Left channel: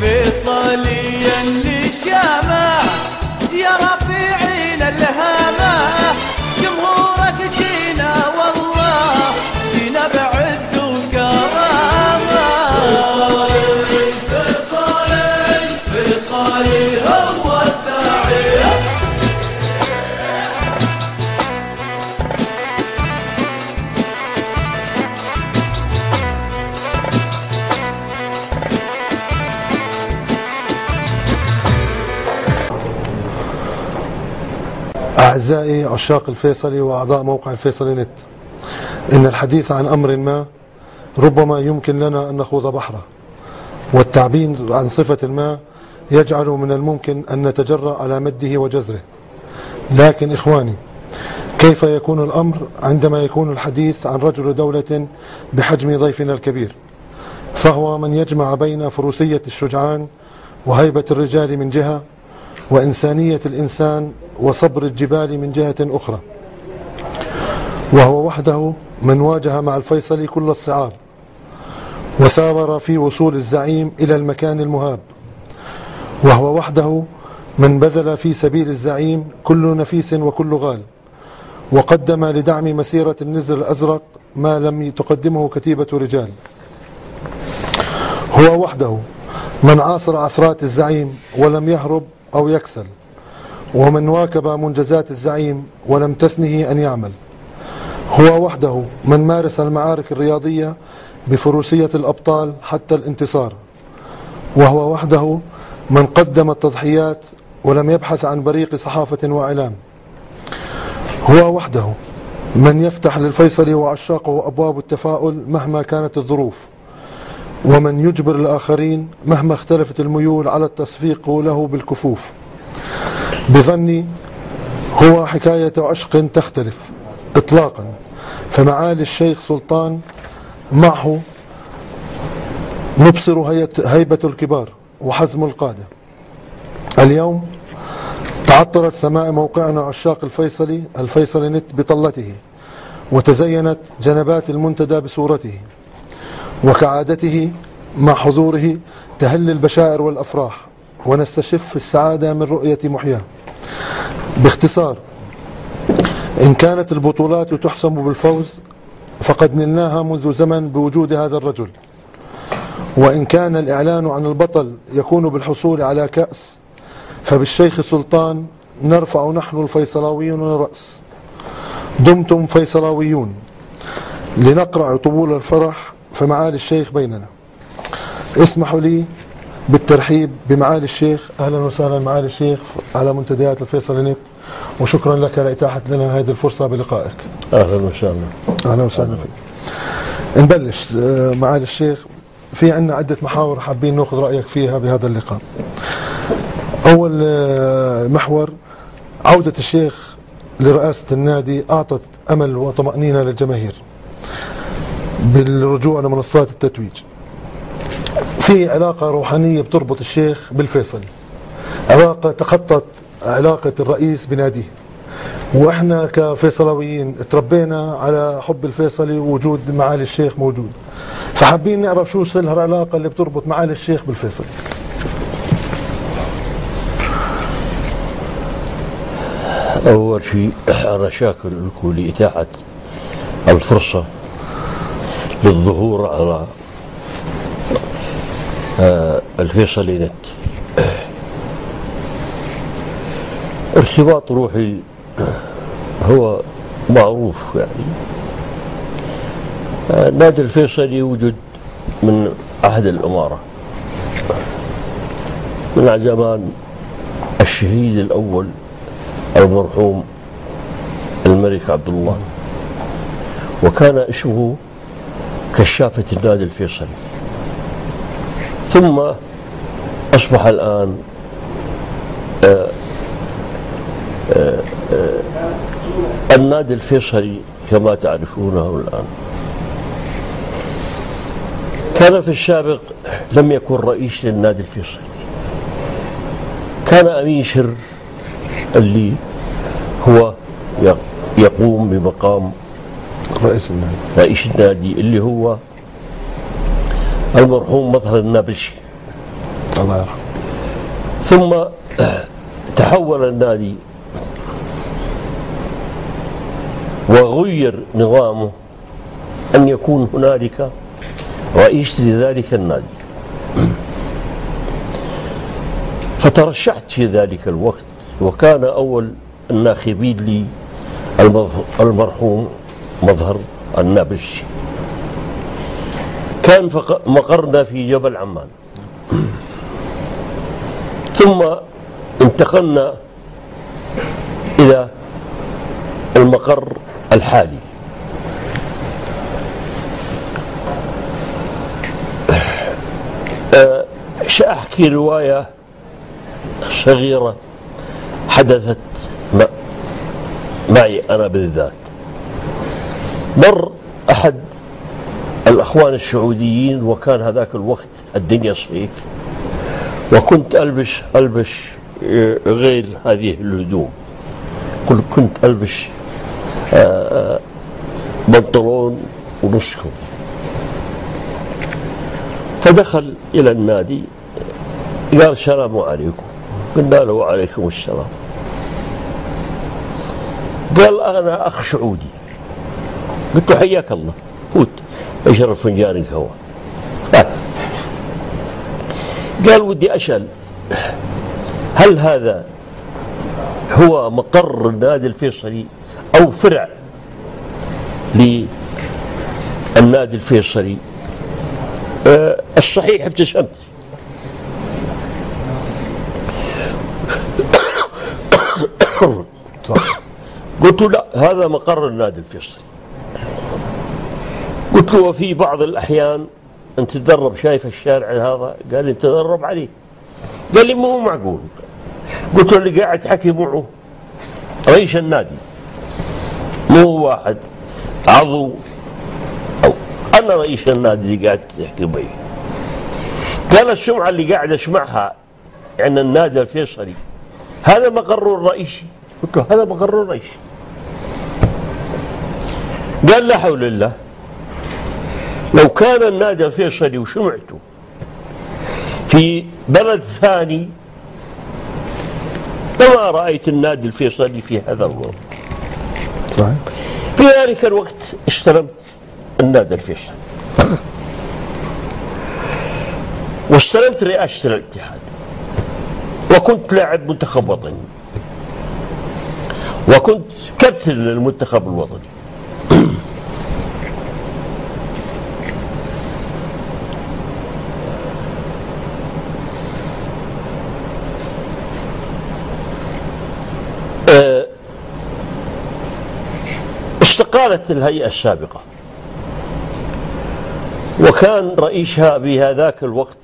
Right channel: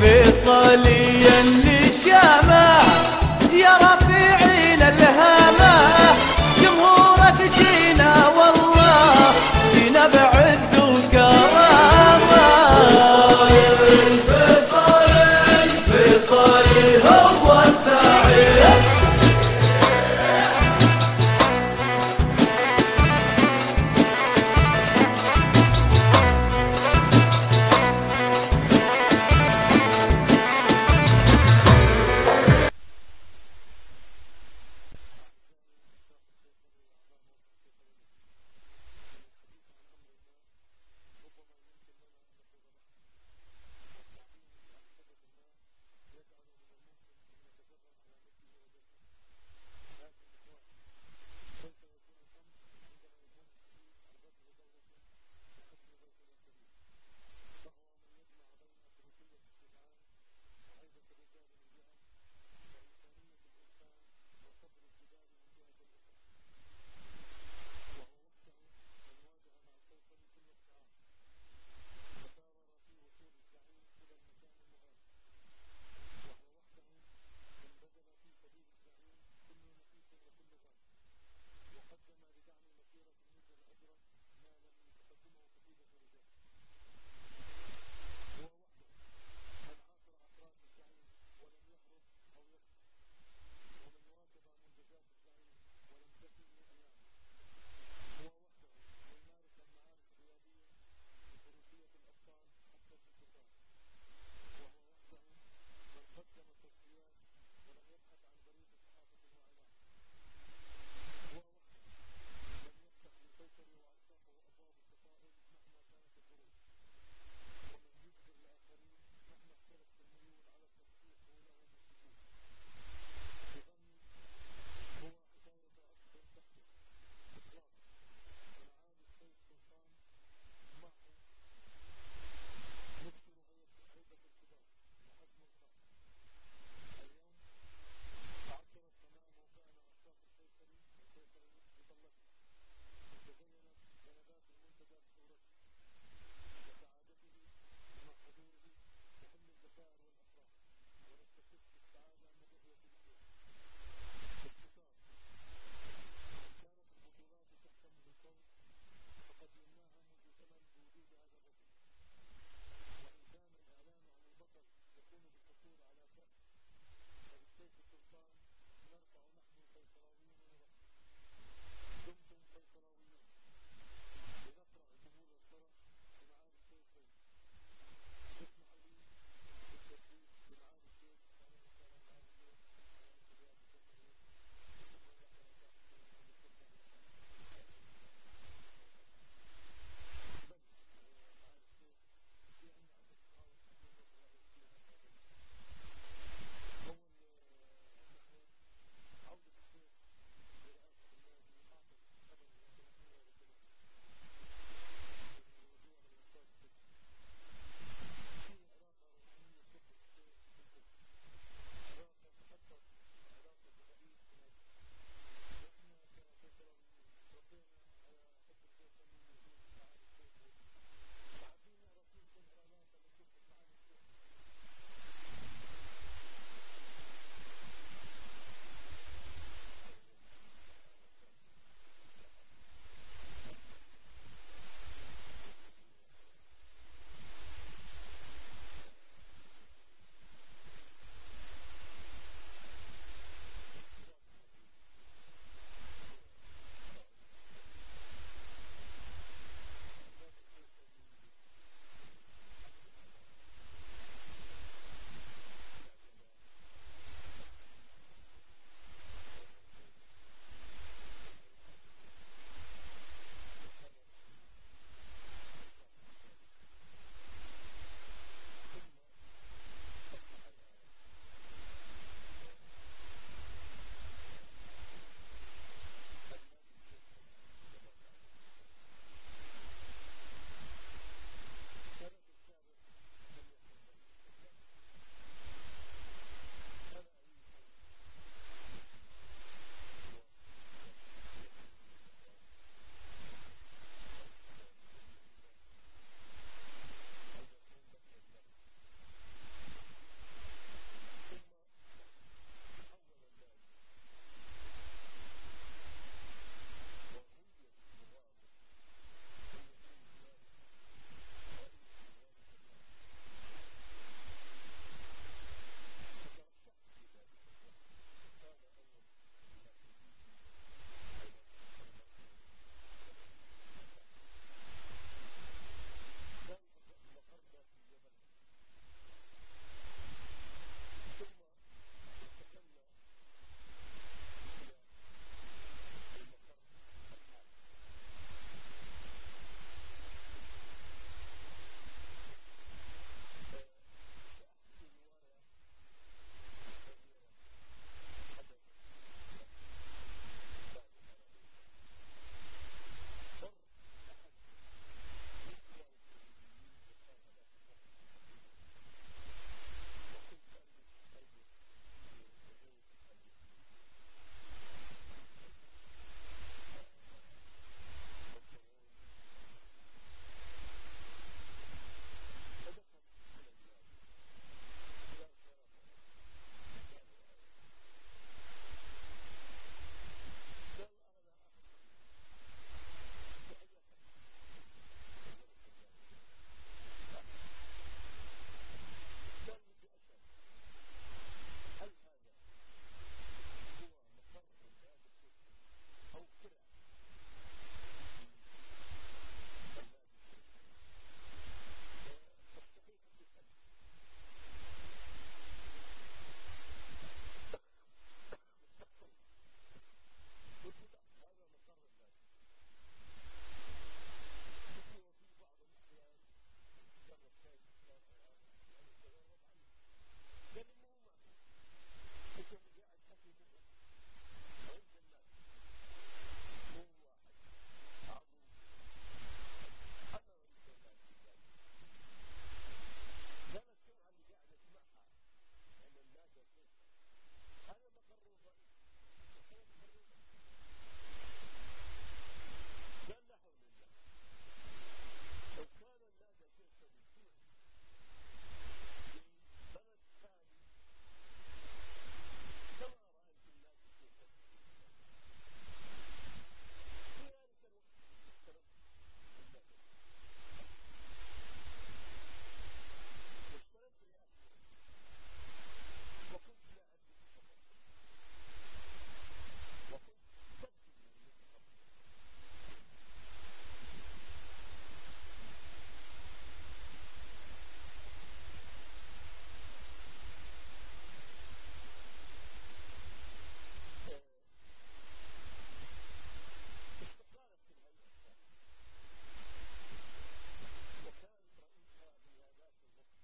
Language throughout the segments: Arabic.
فيصليا للشامة يا رفيعين الهامة، جمهورك جينا والله جينا بعز وكرامة. فيصلي هو السعيد. أعزائي عشاق الفيصلي وأعضاء موقع الفيصلي نت، إن الحديث عن أمر ما ربما يمكن لنا أن نخوض بحره، والتعبير عن صفة ما يجعل من الممكن أن نتجرأ على مده وجزره. لكن إخواني، كيف يكون الأمر عندما يكون الحديث عن رجل دولة بحجم ضيفنا الكبير، فهو من يجمع بين فروسية الشجعان وهيبة الرجال من جهة، وإنسانية الإنسان وصبر الجبال من جهة أخرى، وهو وحده من واجه مع الفيصلي كل الصعاب وثابر في وصول الزعيم إلى المكان المهاب، وهو وحده من بذل في سبيل الزعيم كل نفيس وكل غال، وقدم لدعم مسيرة النزر الأزرق ما لم تقدمه كتيبة رجال. هو وحده من عاصر عثرات الزعيم ولم يهرب أو يكسل، ومن واكب منجزات الزعيم ولم تثنه أن يعمل. هو وحده من مارس المعارك الرياضية بفروسية الأبطال حتى الانتصار، وهو وحده من قدم التضحيات ولم يبحث عن بريق صحافة وإعلام. هو وحده من يفتح للفيصلي وعشاقه أبواب التفاؤل مهما كانت الظروف، ومن يجبر الآخرين مهما اختلفت الميول على التصفيق له بالكفوف. بظني هو حكاية عشق تختلف إطلاقا، فمعالي الشيخ سلطان معه نبصر هيبة الكبار وحزم القادة. اليوم تعطرت سماء موقعنا عشاق الفيصلي نت بطلته، وتزينت جنبات المنتدى بصورته، وكعادته مع حضوره تهل البشائر والأفراح، ونستشف السعادة من رؤية محياه. باختصار، إن كانت البطولات تحسم بالفوز فقد نلناها منذ زمن بوجود هذا الرجل، وإن كان الإعلان عن البطل يكون بالحصول على كأس فبالشيخ سلطان نرفع نحن الفيصلاويون الرأس. دمتم فيصلاويون، لنقرع طبول الفرح فمعالي الشيخ بيننا. اسمحوا لي بالترحيب بمعالي الشيخ. أهلا وسهلا معالي الشيخ على منتديات الفيصلي نت، وشكرا لك لإتاحة لنا هذه الفرصة بلقائك. أهلا وسهلا. أهلا وسهلا فيك. نبلش معالي الشيخ، في عندنا عدة محاور حابين نأخذ رأيك فيها بهذا اللقاء. أول محور، عودة الشيخ لرئاسة النادي أعطت أمل وطمأنينة للجماهير بالرجوع لمنصات التتويج. في علاقة روحانية بتربط الشيخ بالفيصلي، علاقة تخطت علاقة الرئيس بناديه، وإحنا كفيصلاويين تربينا على حب الفيصلي ووجود معالي الشيخ موجود، فحابين نعرف شو سر العلاقة اللي بتربط معالي الشيخ بالفيصلي. أول شيء أنا شاكر لكم لإتاحة الفرصة للظهور على الفيصلي نت. ارتباط روحي هو معروف، يعني نادي الفيصلي وجد من عهد الإمارة، من زمان الشهيد الأول المرحوم الملك عبد الله، وكان اسمه كشافة النادي الفيصلي، ثم أصبح الآن النادي الفيصلي كما تعرفونه الآن. كان في السابق لم يكن رئيس للنادي الفيصلي، كان أمين سر اللي هو يقوم بمقام رئيس النادي اللي هو المرحوم مظهر النابلسي الله يرحمه. ثم تحول النادي وغير نظامه أن يكون هنالك رئيس لذلك النادي. فترشحت في ذلك الوقت، وكان أول الناخبين لي المرحوم مظهر النابلسي. كان مقرنا في جبل عمان، ثم انتقلنا إلى المقر الحالي. سأحكي رواية صغيرة حدثت معي أنا بالذات. مر أحد الأخوان السعوديين، وكان هذاك الوقت الدنيا صيف، وكنت ألبس غير هذه الهدوم، كنت ألبس بنطلون ونصكم. فدخل إلى النادي قال السلام عليكم. قلنا له وعليكم السلام. قال أنا أخ سعودي. قلت له حياك الله، فوت اشرب فنجان قهوة. فات. قال ودي أسأل، هل هذا هو مقر النادي الفيصلي أو فرع للنادي الفيصلي؟ الصحيح ابتسمت. قلت له لا، هذا مقر النادي الفيصلي. قلت له وفي بعض الأحيان أن تتدرب، شايف الشارع هذا؟ قال لي تدرب عليه. قال لي ما هو معقول. قلت له اللي قاعد تحكي معه رئيس النادي، مو هو واحد عضو، أو أنا رئيس النادي اللي قاعد تحكي معي. قال السمعة اللي قاعد أسمعها عن النادي الفيصلي هذا مقره الرئيسي. قلت له هذا مقره الرئيسي. قال لا حول الله، لو كان النادي الفيصلي وسمعته في بلد ثاني لما رأيت النادي الفيصلي في هذا الوضع. صحيح. في ذلك الوقت استلمت النادي الفيصلي واستلمت رئاسة الاتحاد، وكنت لاعب منتخب وطني، وكنت كابتن للمنتخب الوطني. استقالت الهيئة السابقة، وكان رئيسها بهذاك الوقت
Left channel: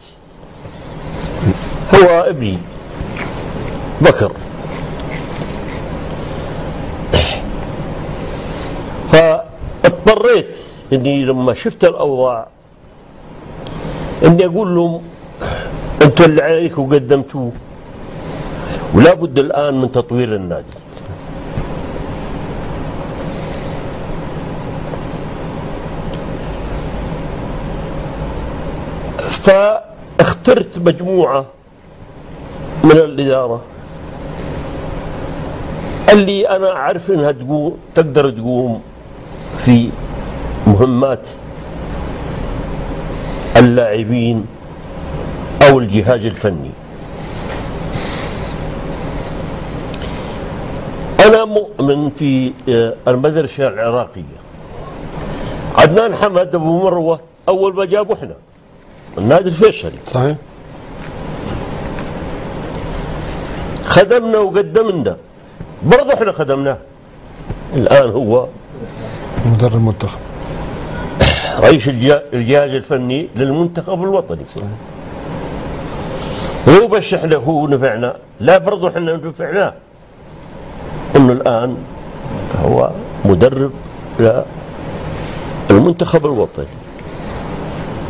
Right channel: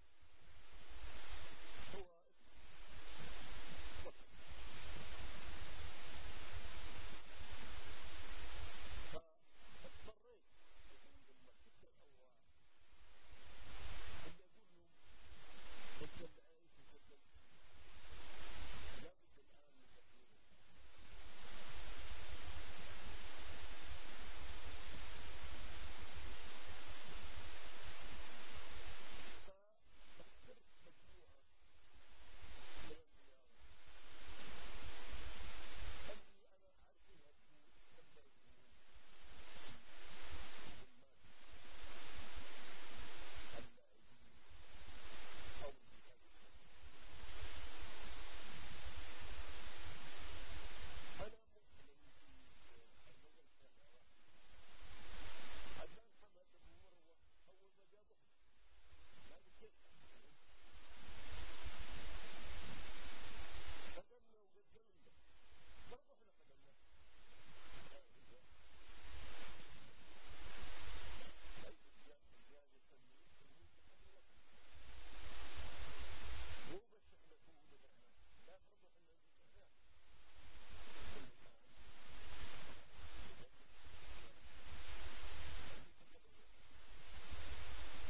هو ابني بكر. فاضطريت اني لما شفت الاوضاع اني اقول لهم انتم اللي عليكم قدمتوه، ولا بد الان من تطوير النادي. فاخترت مجموعة من الإدارة اللي أنا أعرف أنها تقدر تقوم في مهمات اللاعبين أو الجهاز الفني. أنا مؤمن في المدرسة العراقية. عدنان حمد أبو مروة أول ما جابوا إحنا النادي الفيصلي، صحيح، خدمنا وقدمنا، برضه احنا خدمناه. الآن هو مدرب المنتخب، رئيس الجهاز الفني للمنتخب الوطني. صحيح. مو بس احنا هو نفعنا، لا برضه احنا نفعناه. انه الآن هو مدرب للمنتخب الوطني.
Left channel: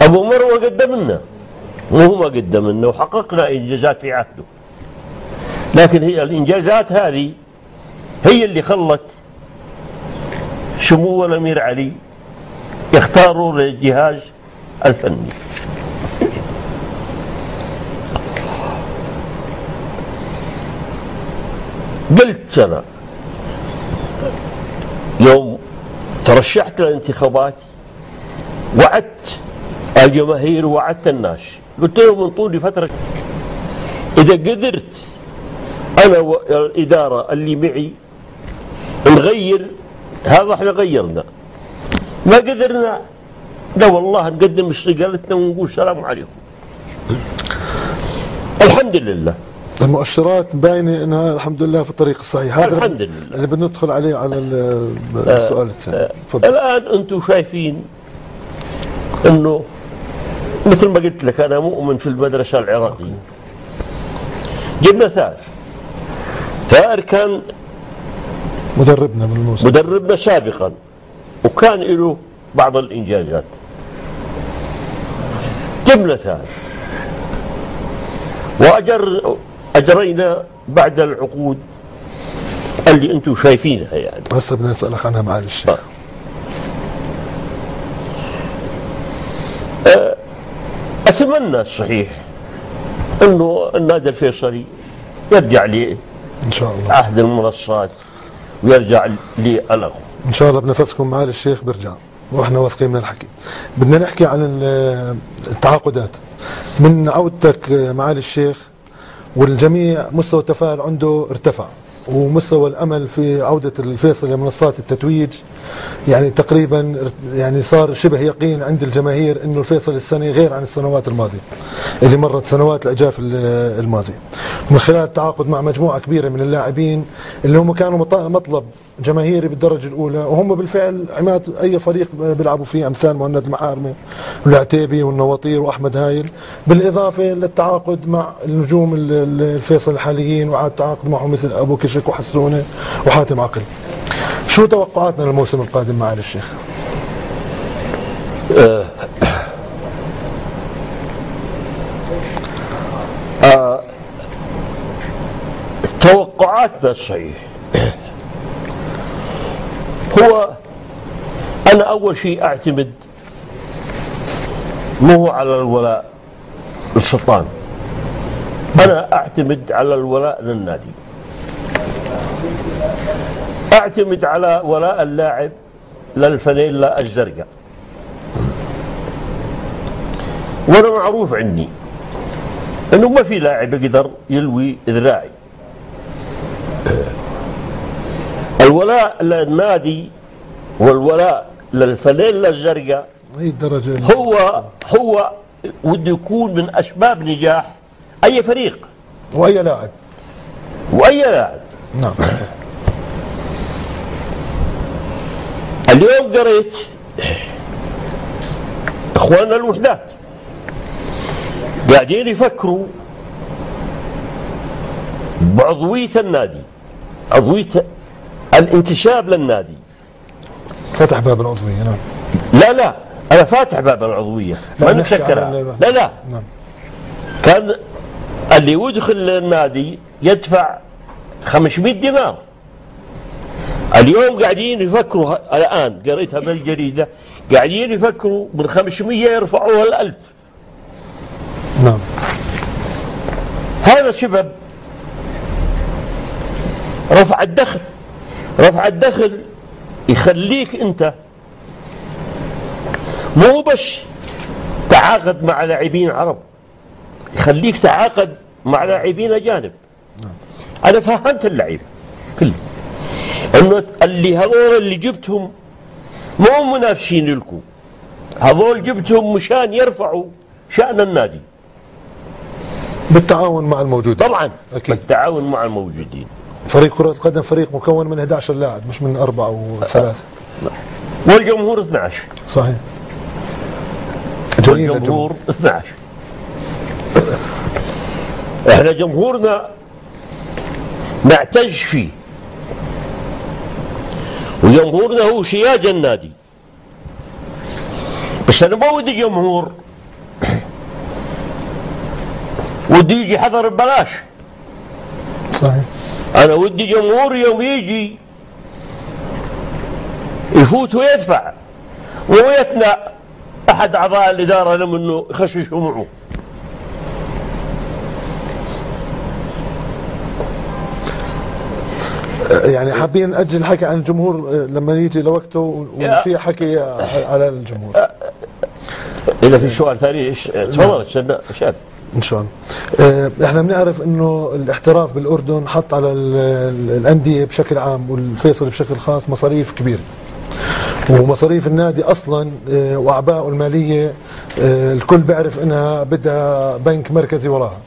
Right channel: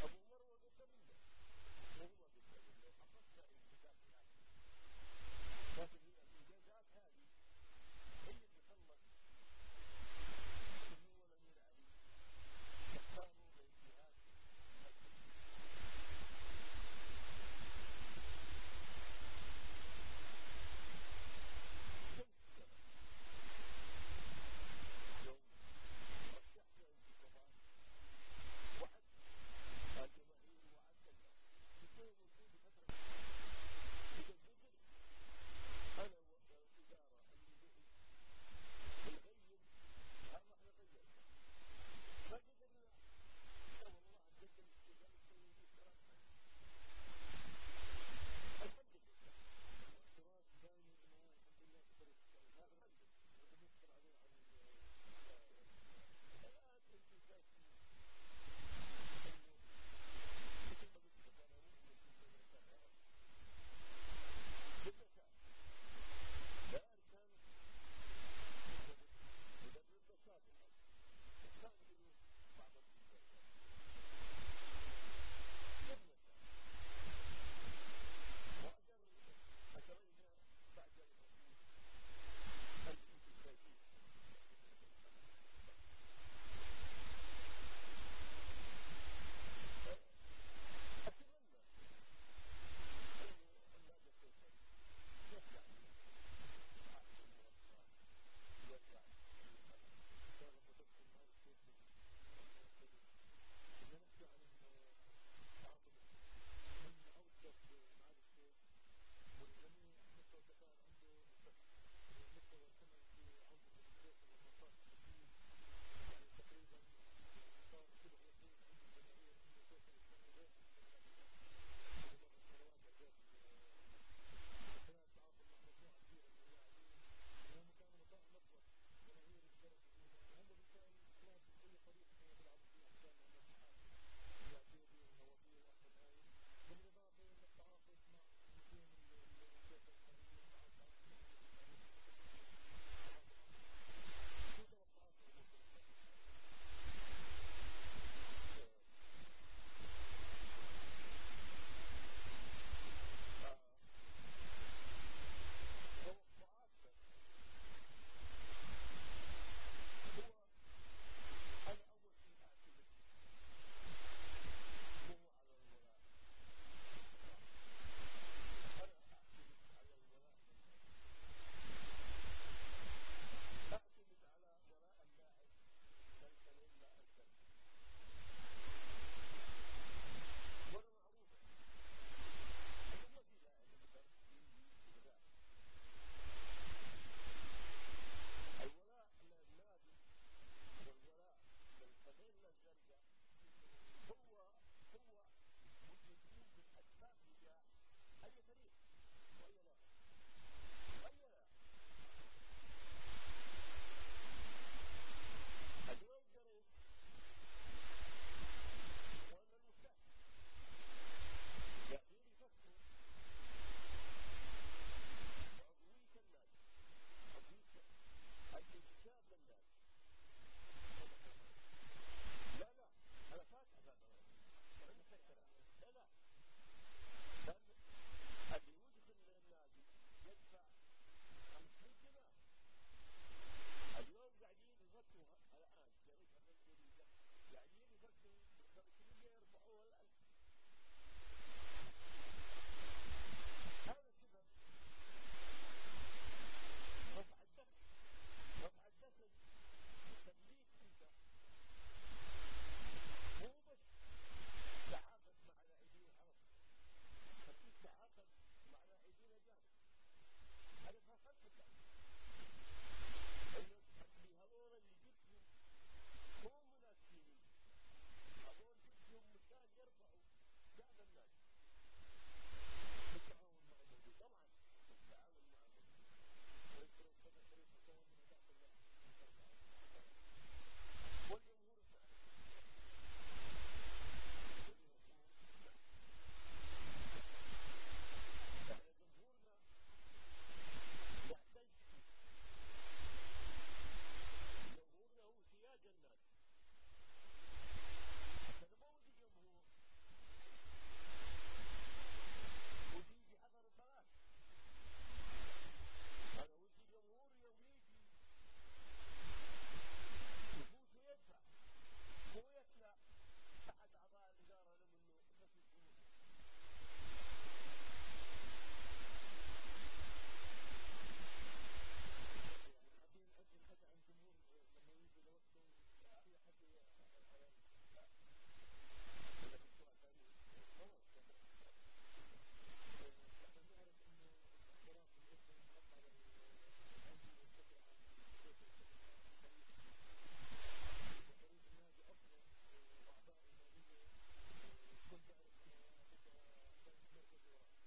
أبو مروة قدم لنا، وهو ما قدم لنا، وحققنا إنجازات في عهده. لكن هي الإنجازات هذه هي اللي خلت سمو الأمير علي يختاروا للجهاز الفني. قلت أنا يوم ترشحت للانتخابات وعدت الجماهير ووعدت الناس، قلت لهم انطوني لي فترة، إذا قدرت أنا والإدارة اللي معي نغير هذا احنا غيرنا، ما قدرنا لا والله نقدم استقالتنا ونقول السلام عليكم. الحمد لله المؤشرات باينه انها الحمد لله في الطريق الصحيح. هذا الحمد لله اللي بندخل عليه على السؤال الثاني. تفضل. الآن أنتم شايفين أنه مثل ما قلت لك أنا مؤمن في المدرسة العراقية. جبنا ثائر كان مدربنا من الموسم، مدربنا سابقا وكان له بعض الإنجازات. جبنا ثائر وأجرينا بعد العقود اللي أنتم شايفينها يعني. هسه بدنا نسألك عنها معالي الشيخ. أتمنى الصحيح أنه النادي الفيصلي يرجع لي ان شاء الله عهد المنصات ويرجع للغو. ان شاء الله بنفسكم معالي الشيخ بيرجع واحنا واثقين من الحكي. بدنا نحكي عن التعاقدات من عودتك معالي الشيخ، والجميع مستوى التفاؤل عنده ارتفع، ومستوى الامل في عوده الفيصل لمنصات التتويج يعني تقريبا يعني صار شبه يقين عند الجماهير انه الفيصل السنه غير عن السنوات الماضيه اللي مرت، سنوات الاجاف الماضيه، من خلال التعاقد مع مجموعه كبيره من اللاعبين اللي هم كانوا مطلب جماهيري بالدرجه الاولى، وهم بالفعل عماد اي فريق بيلعبوا فيه، امثال مهند المحارمه والعتيبي والنواطير واحمد هايل، بالاضافه للتعاقد مع النجوم الفيصل الحاليين، وعاد تعاقد معهم مثل ابو كشك وحسونه وحاتم عقل. شو توقعاتنا للموسم القادم معالي الشيخ؟ توقعاتنا الصحيح هو أنا أول شيء أعتمد مو على الولاء للسلطان، أنا أعتمد على الولاء للنادي، أعتمد على ولاء اللاعب للفانيلا الزرقاء. وأنا معروف عني أنه ما في لاعب يقدر يلوي ذراعي. الولاء للنادي والولاء للفانيلا الزرقاء هي الدرجه هو وده يكون من أسباب نجاح أي فريق واي لاعب وأي لاعب. نعم. اليوم قريت اخواننا الوحدات قاعدين يفكروا بعضوية النادي، عضوية الانتساب للنادي. فتح باب العضوية. نعم. لا انا فاتح باب العضوية ما نسكرها. لا نعم. كان اللي يدخل النادي يدفع 500 دينار. اليوم قاعدين يفكروا، الآن قريتها بالجريدة، قاعدين يفكروا من 500 يرفعوها ل 1000. نعم. هذا سبب رفع الدخل. رفع الدخل يخليك أنت مو بس تعاقد مع لاعبين عرب، يخليك تعاقد مع لاعبين أجانب. أنا فهمت اللعيبة كله انه هذول اللي جبتهم مو منافسين لكم، هذول جبتهم مشان يرفعوا شأن النادي بالتعاون مع الموجودين. طبعا أكيد. بالتعاون مع الموجودين. فريق كرة القدم فريق مكون من 11 لاعب مش من 4 أو 3. والجمهور 12. صحيح. والجمهور 12. احنا جمهورنا نعتز فيه، وجمهورنا هو سياج النادي. بس انا ما ودي جمهور ودي يجي حضر ببلاش. صحيح. انا ودي جمهور يوم يجي يفوت ويدفع ويتنى أحد أعضاء الإدارة لم أنه يخششوا معه. يعني حابين نأجل الحكي عن الجمهور لما يجي لوقته وفي حكي على الجمهور. إذا في سؤال ثاني تفضل شاد. ان شاء الله. احنا بنعرف انه الاحتراف بالاردن حط على الانديه بشكل عام والفيصلي بشكل خاص مصاريف كبيره. ومصاريف النادي اصلا واعبائه الماليه الكل بيعرف انها بدها بنك مركزي وراها.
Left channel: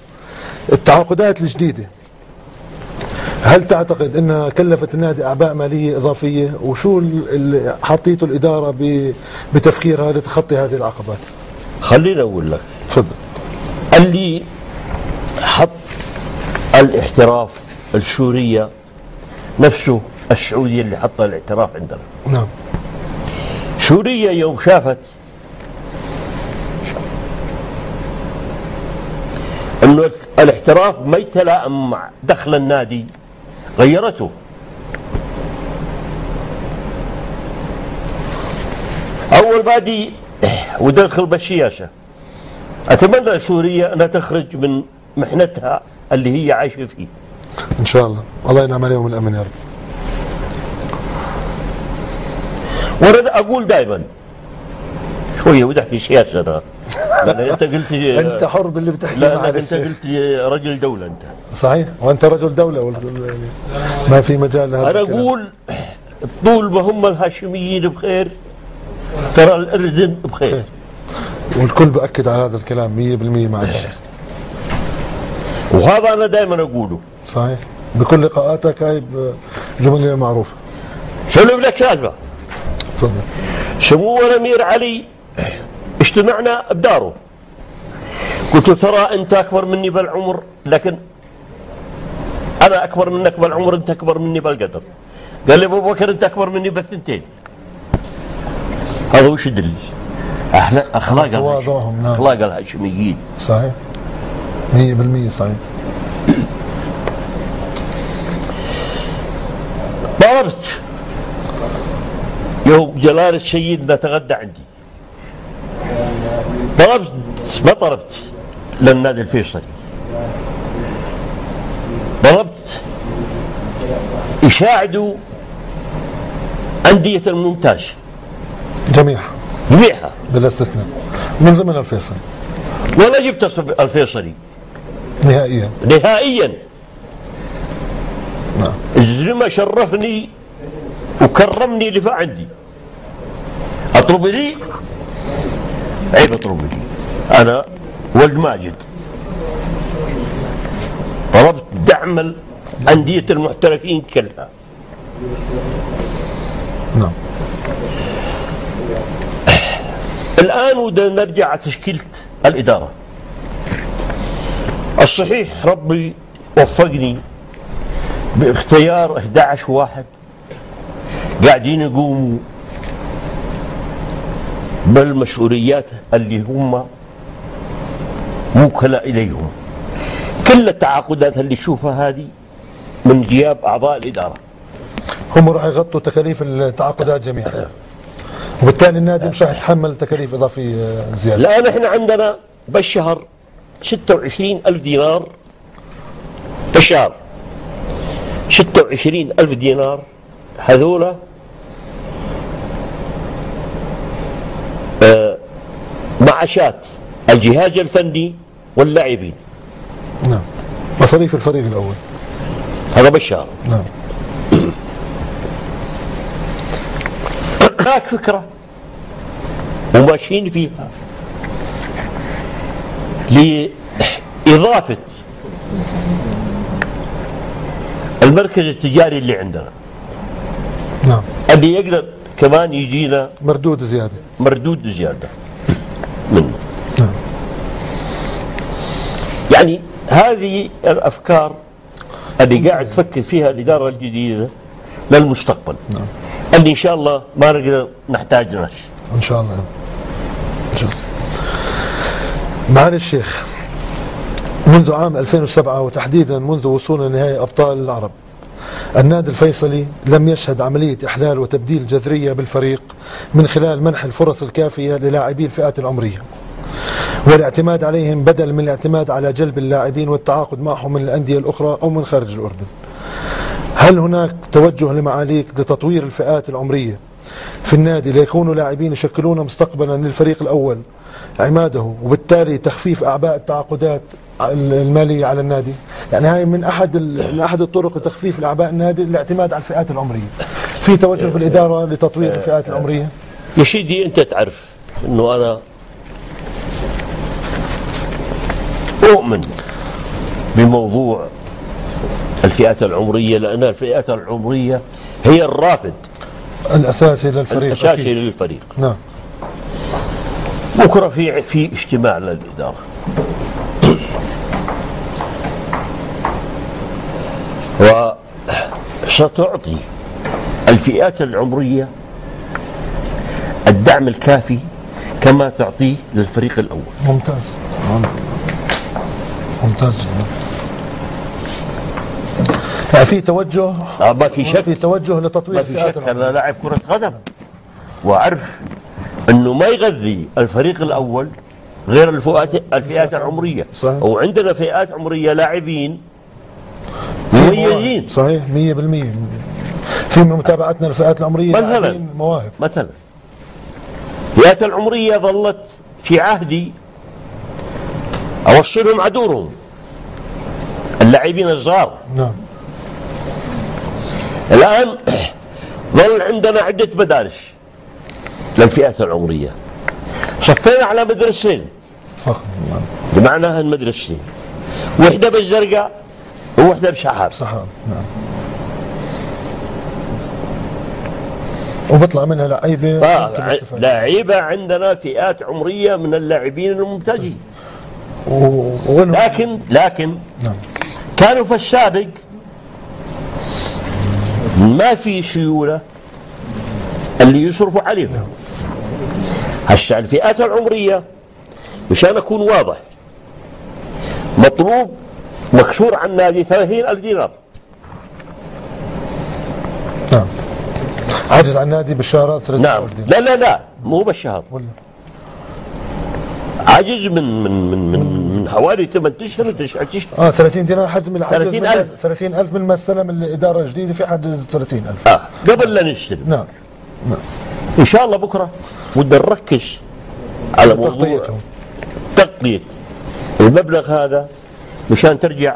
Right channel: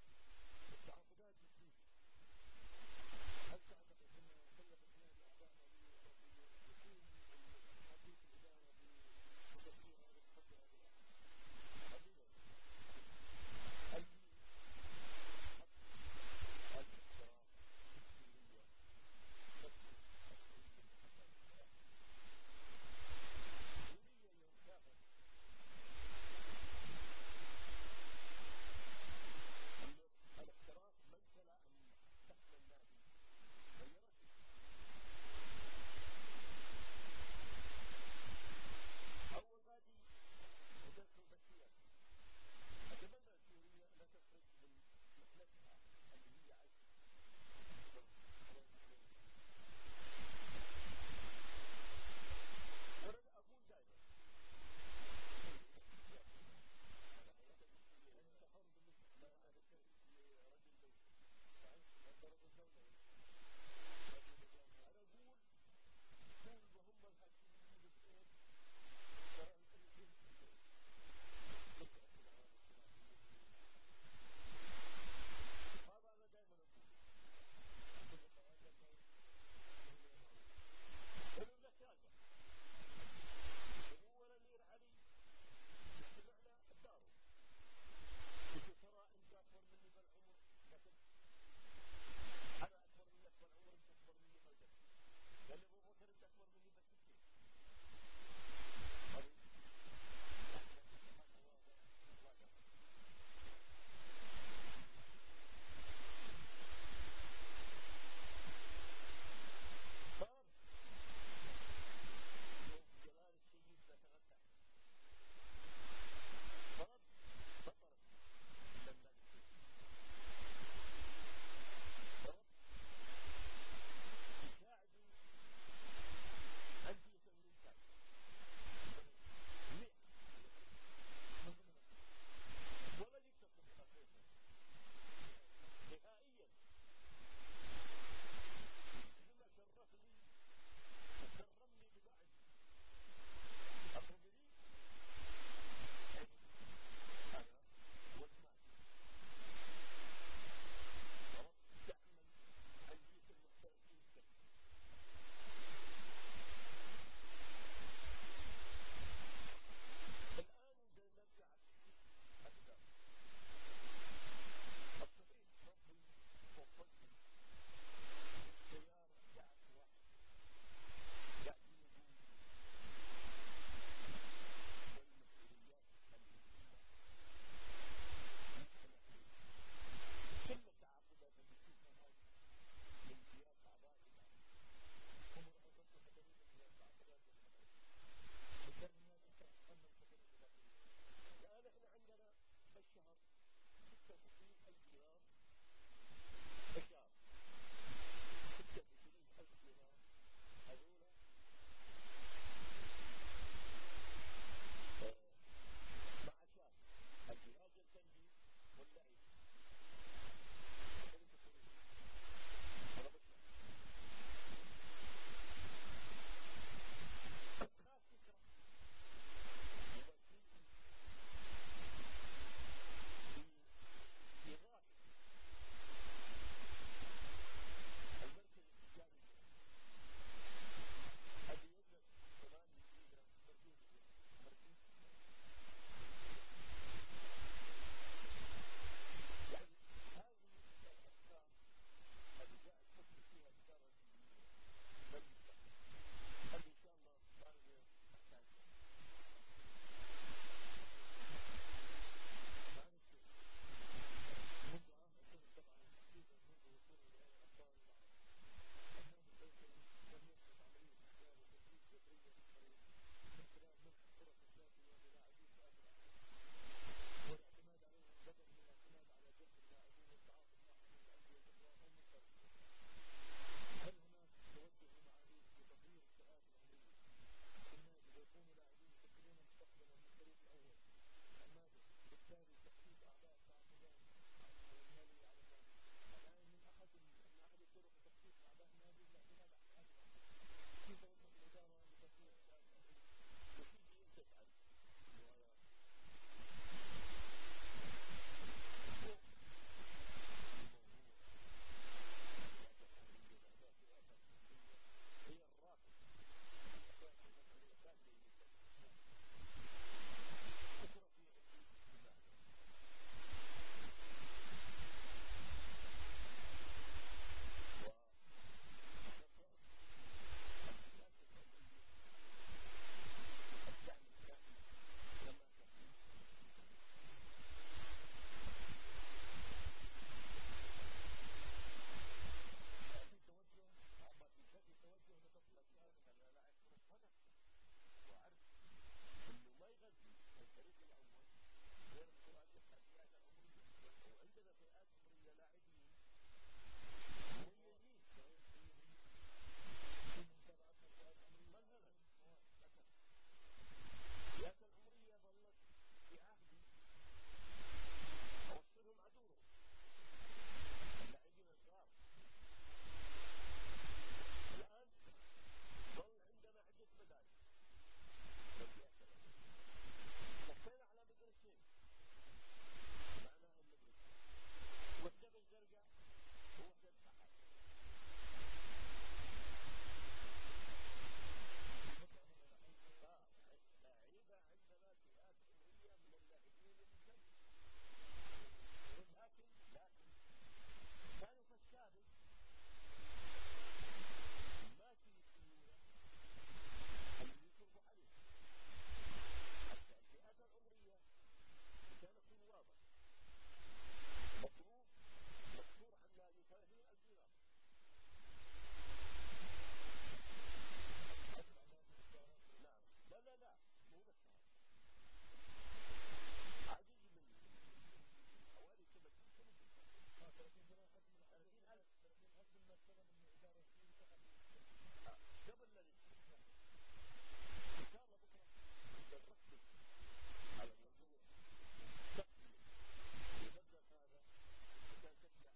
التعاقدات الجديده هل تعتقد انها كلفت النادي اعباء ماليه اضافيه؟ وشو اللي حطيته الاداره بتفكيرها لتخطي هذه العقبات؟ خليني اقول لك. تفضل. اللي حط الاحتراف السورية نفسه السعودية اللي حط الاحتراف عندنا. نعم. سوريا يوم شافت انه الاحتراف ما يتلائم مع دخل النادي غيرته. اول بادي ودخل بالشياشة. اتمنى سوريا انها تخرج من محنتها اللي هي عايشه فيه. ان شاء الله، الله ينعم عليهم الامن يا رب. وانا اقول دائما شويه وتحكي سياسه انا. انت قلت انت حر باللي بتحكي. لا انت قلت رجل دوله انت. صحيح، وانت رجل دوله ما في مجال لهذا. انا اقول طول ما هم الهاشميين بخير ترى الاردن بخير. والكل بأكد على هذا الكلام 100% مع الشيخ. وهذا أنا دائما أقوله. صحيح، بكل لقاءاتك هاي جملة معروفة. شنو لك سالفة؟ تفضل. سمو الأمير علي اجتمعنا بداره. قلت له ترى أنت أكبر مني بالعمر، لكن أنا أكبر منك بالعمر، أنت أكبر مني بالقدر. قال لي أبو بكر أنت أكبر مني بالثنتين. هذا وش يدل؟ أخلاق تواضعهم. نعم. أخلاق الهاشميين. صحيح 100% صحيح. طلبت يوم جلالة سيدنا تغدى عندي، ما طلبت للنادي الفيصلي، طلبت يساعدوا أندية الممتاز جميعها بلا استثناء من ضمن الفيصلي. ولا جبت الفيصلي نهائيا. نعم. الزلمة شرفني وكرمني اللي عندي. اطلب لي عيب، اطلب لي انا ولد ماجد طلبت دعم أندية المحترفين كلها. نعم. الآن ودنا نرجع على تشكيلة الإدارة. الصحيح ربي وفقني باختيار 11 واحد قاعدين يقوموا بالمسؤوليات اللي هم موكلة إليهم. كل التعاقدات اللي تشوفها هذه من جياب أعضاء الإدارة. هم راح يغطوا تكاليف التعاقدات جميعا، وبالتالي النادي مش راح يتحمل تكاليف إضافية زيادة. الآن احنا عندنا بالشهر 26,000 دينار بالشهر. 26,000 دينار هذولا معاشات الجهاز الفني واللاعبين. نعم. مصاريف الفريق الأول هذا بالشهر. نعم. هناك فكرة وماشيين فيها لإضافة المركز التجاري اللي عندنا. نعم. اللي يقدر كمان يجينا مردود زيادة منه. نعم. يعني هذه الأفكار اللي قاعد تفكر فيها الإدارة الجديدة للمستقبل. نعم. اللي إن شاء الله ما نقدر نحتاج ناس. إن شاء الله. إن شاء الله. معالي الشيخ، منذ عام 2007 وتحديدا منذ وصولنا لنهائي أبطال العرب النادي الفيصلي لم يشهد عملية إحلال وتبديل جذرية بالفريق من خلال منح الفرص الكافية للاعبي الفئات العمرية والاعتماد عليهم بدل من الاعتماد على جلب اللاعبين والتعاقد معهم من الأندية الأخرى أو من خارج الأردن. هل هناك توجه لمعاليك لتطوير الفئات العمرية في النادي ليكونوا لاعبين يشكلون مستقبلا للفريق الأول عماده، وبالتالي تخفيف أعباء التعاقدات المالية على النادي؟ يعني هاي من أحد الطرق لتخفيف الأعباء النادي الاعتماد على الفئات العمرية. في توجه بالإدارة لتطوير الفئات العمرية؟ يا سيدي أنت تعرف أنه أنا أؤمن بموضوع الفئات العمرية، لأن الفئات العمرية هي الرافد الأساسي للفريق. الأساسي للفريق. نعم. بكرة في اجتماع للإدارة، وستعطي الفئات العمرية الدعم الكافي كما تعطيه للفريق الأول. ممتاز ممتاز جدا. يعني في توجه، ما في شك، في توجه لتطوير ما في شك. أنا لاعب كرة قدم وأعرف أنه ما يغذي الفريق الأول غير الفئات العمرية. صحيح. وعندنا فئات عمرية لاعبين مميزين. صحيح 100%. في من متابعتنا الفئات العمرية مثلا مواهب. مثلا الفئات العمرية ظلت في عهدي أوصلهم عدورهم اللاعبين الصغار. نعم. الآن ظل عندنا عدة مدارس للفئات العمرية، صفينا على مدرستين فخم. نعم. بمعنى المدرستين، وحدة بالزرقاء ووحدة بسحاب. سحاب. نعم. وبطلع منها لعيبة. لعيبة عندنا فئات عمرية من اللاعبين الممتازين. لكن نعم. كانوا في السابق ما في سيولة اللي يصرفوا عليهم. هسه الفئات العمرية مشان أكون واضح مطلوب مكسور عن النادي 30,000 دينار. نعم. عاجز عن النادي بالشهرات. نعم. لا مو بالشهر، عاجز من حوالي 8 اشهر 9 اشهر. 30 دينار حجز من 30,000. 30,000 من ما استلم الإدارة الجديدة، في حجز 30,000. قبل لا نستلم. نعم. إن شاء الله بكرة بدنا نركز على موضوع تغطية المبلغ هذا مشان ترجع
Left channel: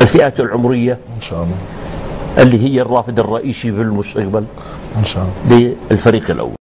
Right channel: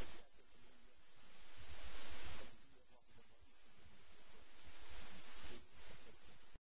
الفئات العمرية إن شاء الله اللي هي الرافد الرئيسي في المستقبل إن شاء الله للفريق الأول.